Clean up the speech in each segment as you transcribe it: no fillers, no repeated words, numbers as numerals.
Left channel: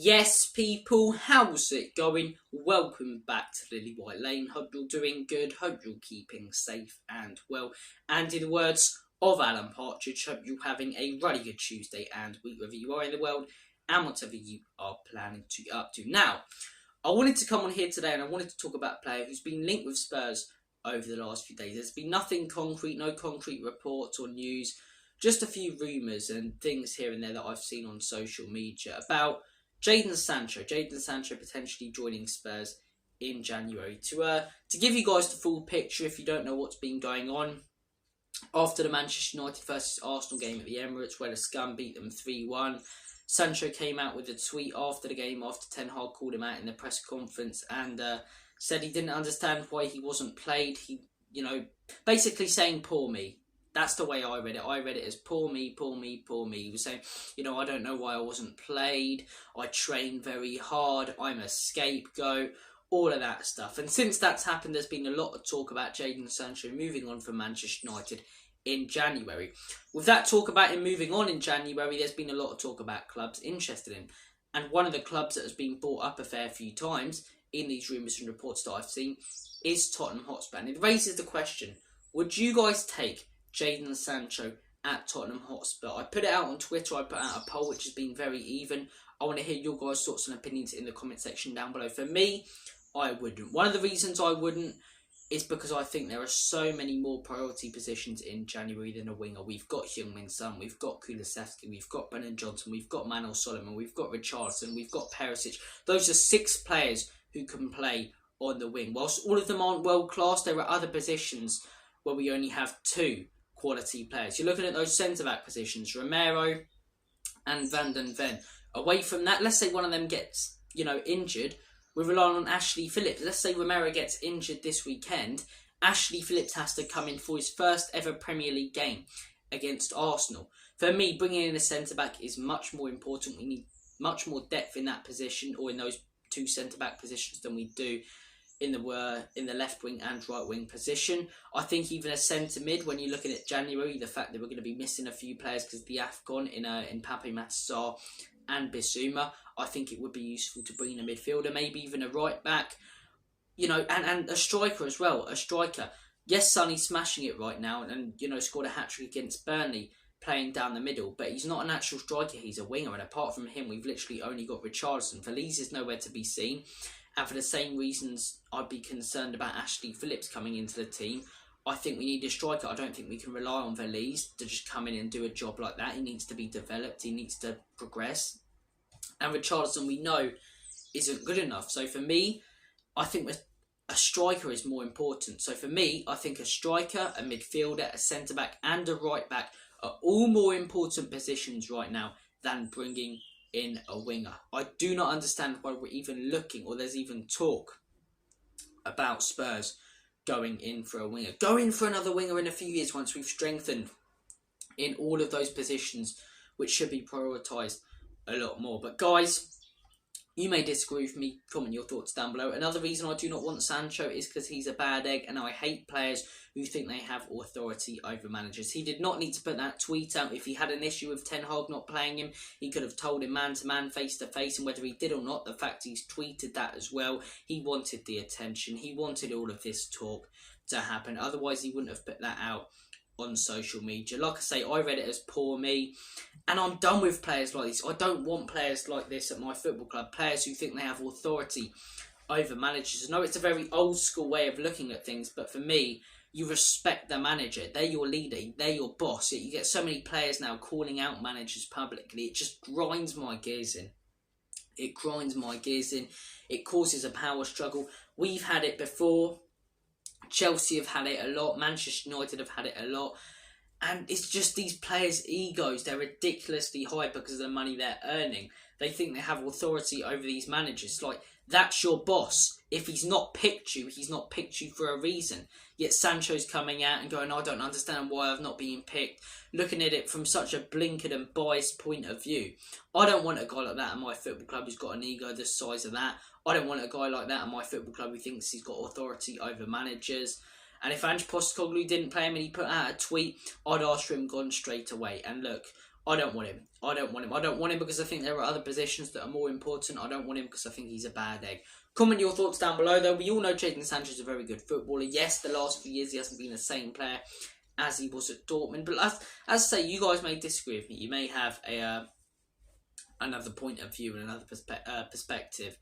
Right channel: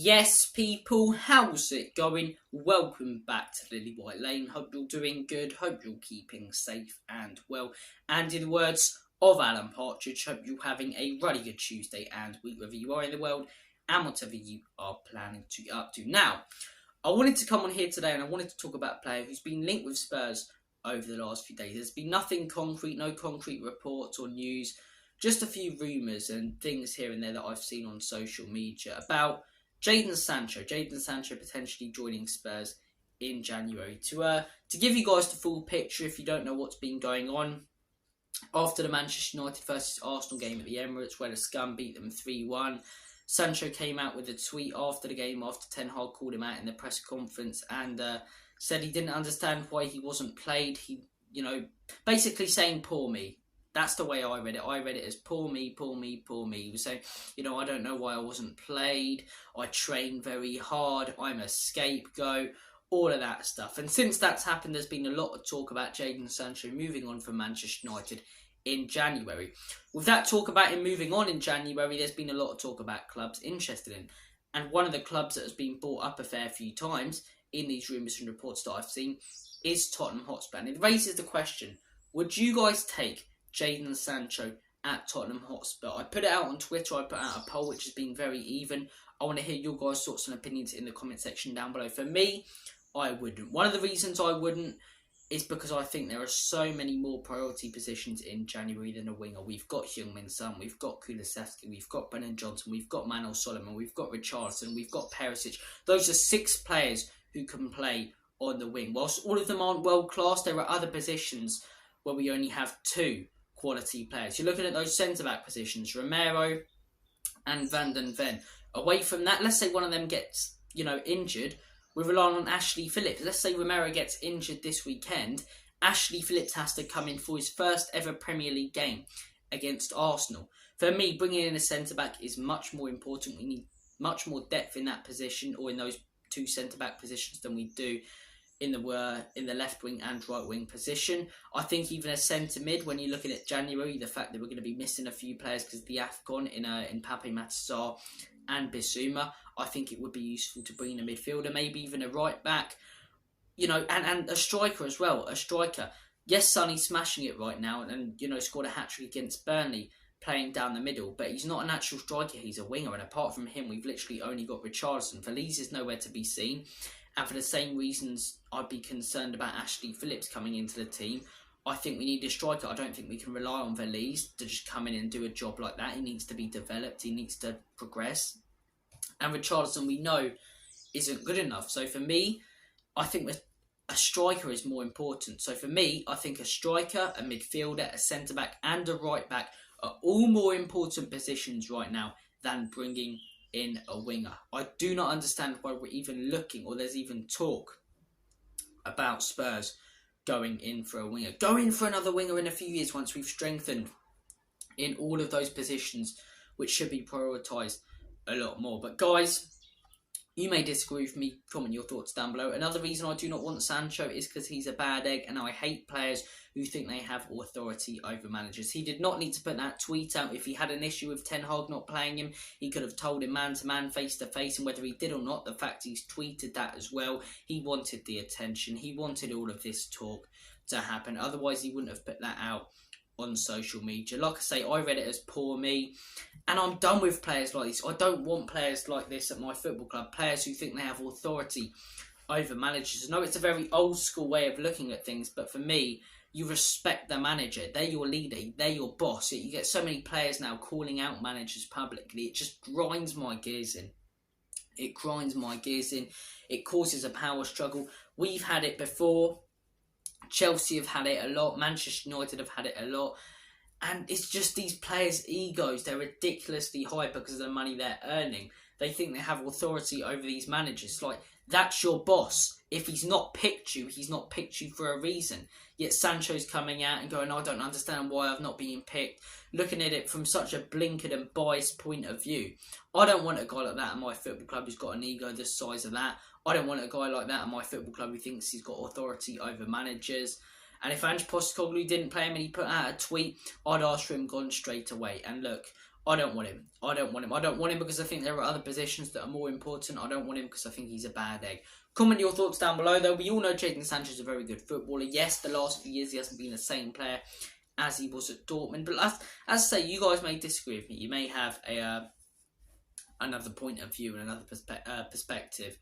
Yes, people, how's it going? Welcome back to Lily White Lane. Hope you're doing good. Hope you're keeping safe and well. And in the words of Alan Partridge, hope you're having a really good Tuesday and week wherever you are in the world and whatever you are planning to get up to. Now, I wanted to come on here today and I wanted to talk about a player who's been linked with Spurs over the last few days. There's been nothing concrete, no concrete reports or news, just a few rumours and things here and there that I've seen on social media about jadon Sancho potentially joining Spurs in January. To give you guys the full picture, if you don't know what's been going on, after the Manchester United versus Arsenal game at the Emirates, where the Scum beat them 3-1, Sancho came out with a tweet after the game, after Ten Hag called him out in the press conference, and said he didn't understand why he wasn't played. He, basically saying, poor me. That's the way I read it. I read it as poor me, poor me, poor me. He was saying, I don't know why I wasn't played. I train very hard. I'm a scapegoat. All of that stuff. And since that's happened, there's been a lot of talk about jadon Sancho moving on from Manchester United in January. With that talk about him moving on in January, there's been a lot of talk about clubs interested in him. And one of the clubs that has been brought up a fair few times in these rumours and reports that I've seen is Tottenham Hotspur. And it raises the question, would you guys take jadon Sancho at Tottenham Hotspur? I put it out on Twitter. I put out a poll which has been very even. I want to hear your guys' thoughts and opinions in the comment section down below. For me, I wouldn't. One of the reasons I wouldn't is because I think there are so many more priority positions in January than a winger. We've got Heung-min Son, we've got Kulusevski, we've got Brennan Johnson, we've got Manuel Solomon, we've got Richarlison, we've got Perisic. Those are 6 players who can play on the wing. Whilst all of them aren't world class, there are other positions where we only have 2 quality players. You're looking at those centre-back positions, Romero and Van den Ven. Away from that, let's say one of them gets, injured, we're relying on Ashley Phillips. Let's say Romero gets injured this weekend. Ashley Phillips has to come in for his first ever Premier League game against Arsenal. For me, bringing in a centre-back is much more important. We need much more depth in that position, or in those 2 centre-back positions, than we do in the left wing and right wing position. I think even a centre mid, when you look at it January, the fact that we're going to be missing a few players because of the AFCON in Pape Matar and Bissouma, I think it would be useful to bring in a midfielder, maybe even a right back, and a striker as well. A striker. Yes, Sonny's smashing it right now and scored a hat-trick against Burnley playing down the middle, but he's not a natural striker, he's a winger, and apart from him, we've literally only got Richarlison. Feliz is nowhere to be seen. And for the same reasons, I'd be concerned about Ashley Phillips coming into the team. I think we need a striker. I don't think we can rely on Feliz to just come in and do a job like that. He needs to be developed. He needs to progress. And Richarlison, we know, isn't good enough. So for me, I think a striker is more important. So for me, I think a striker, a midfielder, a centre-back and a right-back are all more important positions right now than bringing in a winger. I do not understand why we're even looking, or there's even talk about Spurs going in for a winger. Go in for another winger in a few years once we've strengthened in all of those positions, which should be prioritised a lot more. But guys, you may disagree with me. Comment your thoughts down below. Another reason I do not want Sancho is because he's a bad egg, and I hate players who think they have authority over managers. He did not need to put that tweet out. If he had an issue with Ten Hag not playing him, he could have told him man-to-man, face-to-face, and whether he did or not, the fact he's tweeted that as well, he wanted the attention. He wanted all of this talk to happen. Otherwise, he wouldn't have put that out on social media. Like I say, I read it as poor me, and I'm done with players like this. I don't want players like this at my football club. Players who think they have authority over managers. I know it's a very old school way of looking at things, but for me, you respect the manager. They're your leader. They're your boss. You get so many players now calling out managers publicly. It just grinds my gears in. It grinds my gears in. It causes a power struggle. We've had it before. Chelsea have had it a lot. Manchester United have had it a lot. And it's just these players' egos. They're ridiculously high because of the money they're earning. They think they have authority over these managers. Like, that's your boss. If he's not picked you, he's not picked you for a reason. Yet Sancho's coming out and going, I don't understand why I've not been picked. Looking at it from such a blinkered and biased point of view. I don't want a guy like that in my football club who's got an ego the size of that. I don't want a guy like that in my football club who thinks he's got authority over managers. And if Ange Postecoglou didn't play him and he put out a tweet, I'd ask for him gone straight away. And look, I don't want him. I don't want him. I don't want him because I think there are other positions that are more important. I don't want him because I think he's a bad egg. Comment your thoughts down below, though. We all know Jadon Sancho is a very good footballer. Yes, the last few years he hasn't been the same player as he was at Dortmund. But as I say, you guys may disagree with me. You may have another point of view and another perspective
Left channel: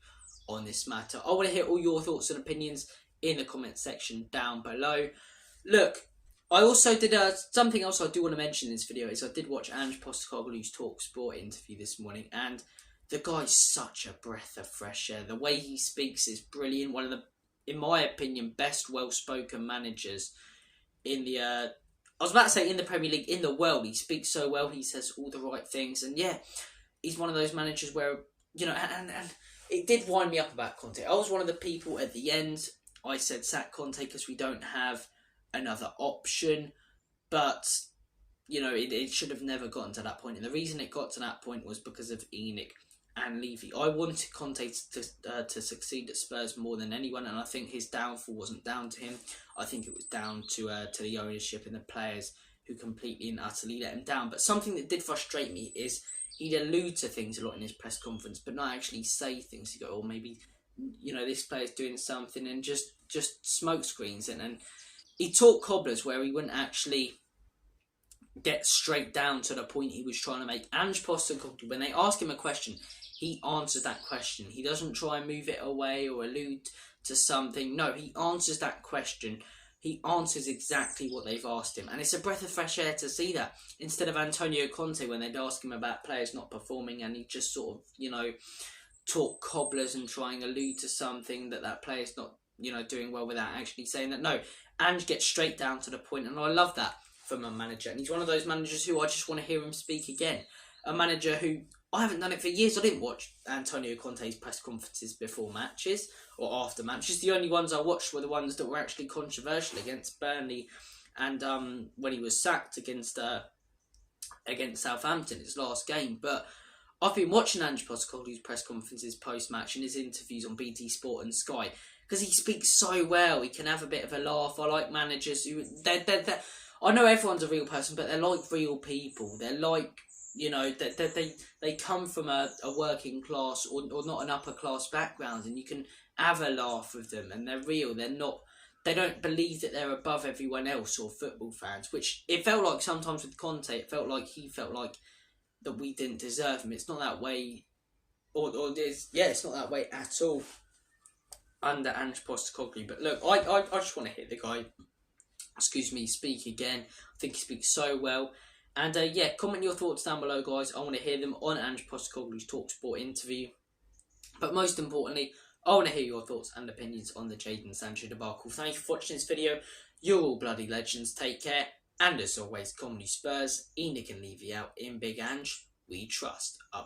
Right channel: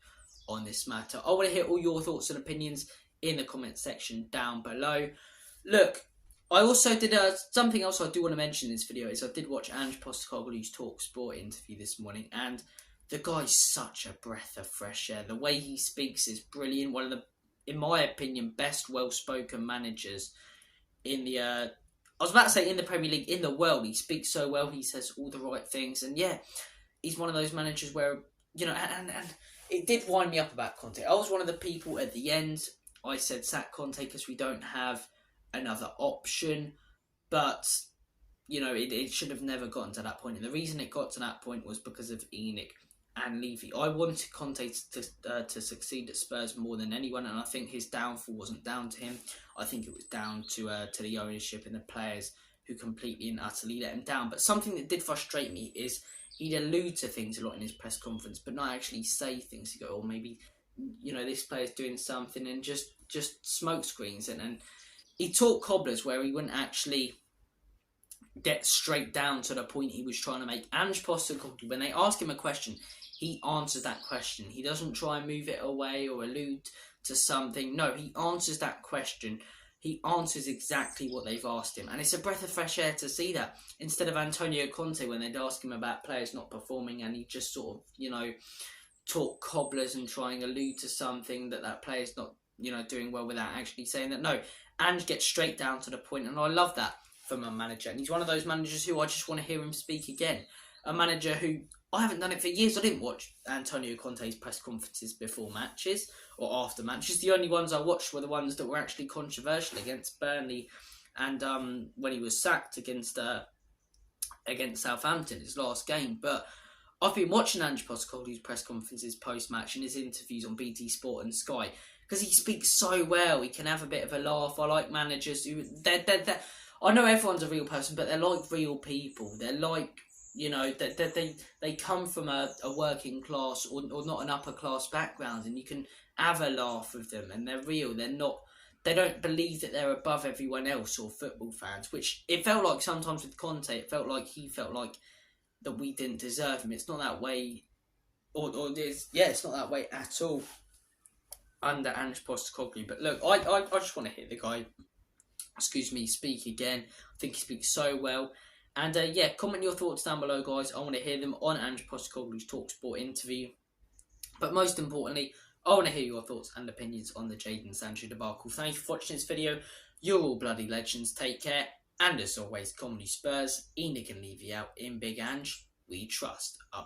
on this matter. I want to hear all your thoughts and opinions in the comment section down below. Look, I also did something else I do want to mention in this video is I did watch Ange Postecoglou's Talksport interview this morning, and the guy's such a breath of fresh air. The way he speaks is brilliant. One of the, in my opinion, best well-spoken managers in the, I was about to say in the Premier League, in the world. He speaks so well, he says all the right things, and yeah, he's one of those managers where, you know, and it did wind me up about Conte. I was one of the people at the end, I said sack Conte because we don't have another option, but you know, it should have never gotten to that point, and the reason it got to that point was because of Enoch and Levy. I wanted Conte to succeed at Spurs more than anyone, and I think his downfall wasn't down to him. I think it was down to the ownership and the players who completely and utterly let him down. But something that did frustrate me is he'd allude to things a lot in his press conference, but not actually say things. To go, or maybe, you know, this player's doing something, and just smoke screens, and he talked cobblers where he wouldn't actually get straight down to the point he was trying to make. Ange Postecoglou, when they ask him a question, he answers that question. He doesn't try and move it away or allude to something. No, he answers that question. He answers exactly what they've asked him. And it's a breath of fresh air to see that. Instead of Antonio Conte, when they'd ask him about players not performing, and he'd just sort of, you know, talk cobblers and try and allude to something that player's not, you know, doing well without actually saying that. No, Ange gets straight down to the point, and I love that from a manager. And he's one of those managers who I just want to hear him speak again. A manager who, I haven't done it for years. I didn't watch Antonio Conte's press conferences before matches or after matches. The only ones I watched were the ones that were actually controversial against Burnley and when he was sacked against Southampton, his last game. But I've been watching Ange Postecoglou's press conferences post-match and his interviews on BT Sport and Sky because he speaks so well. He can have a bit of a laugh. I like managers who... I know everyone's a real person, but they're like real people. They're like, you know, they come from a working class or not an upper class background, and you can have a laugh with them, and they're real. They don't believe that they're above everyone else or football fans, which it felt like sometimes with Conte. It felt like he felt like that we didn't deserve him. It's not that way, it's not that way at all under Ange Postecoglou. But look, I just want to hear the guy, speak again. I think he speaks so well. And yeah, comment your thoughts down below, guys. I want to hear them on Ange Postecoglou's Talksport interview. But most importantly, I want to hear your thoughts and opinions on the Jadon Sancho debacle. Thank you for watching this video. You're all bloody legends. Take care. And as always, Comedy Spurs, Enoch and Levy out in Big Ange. We trust. Up.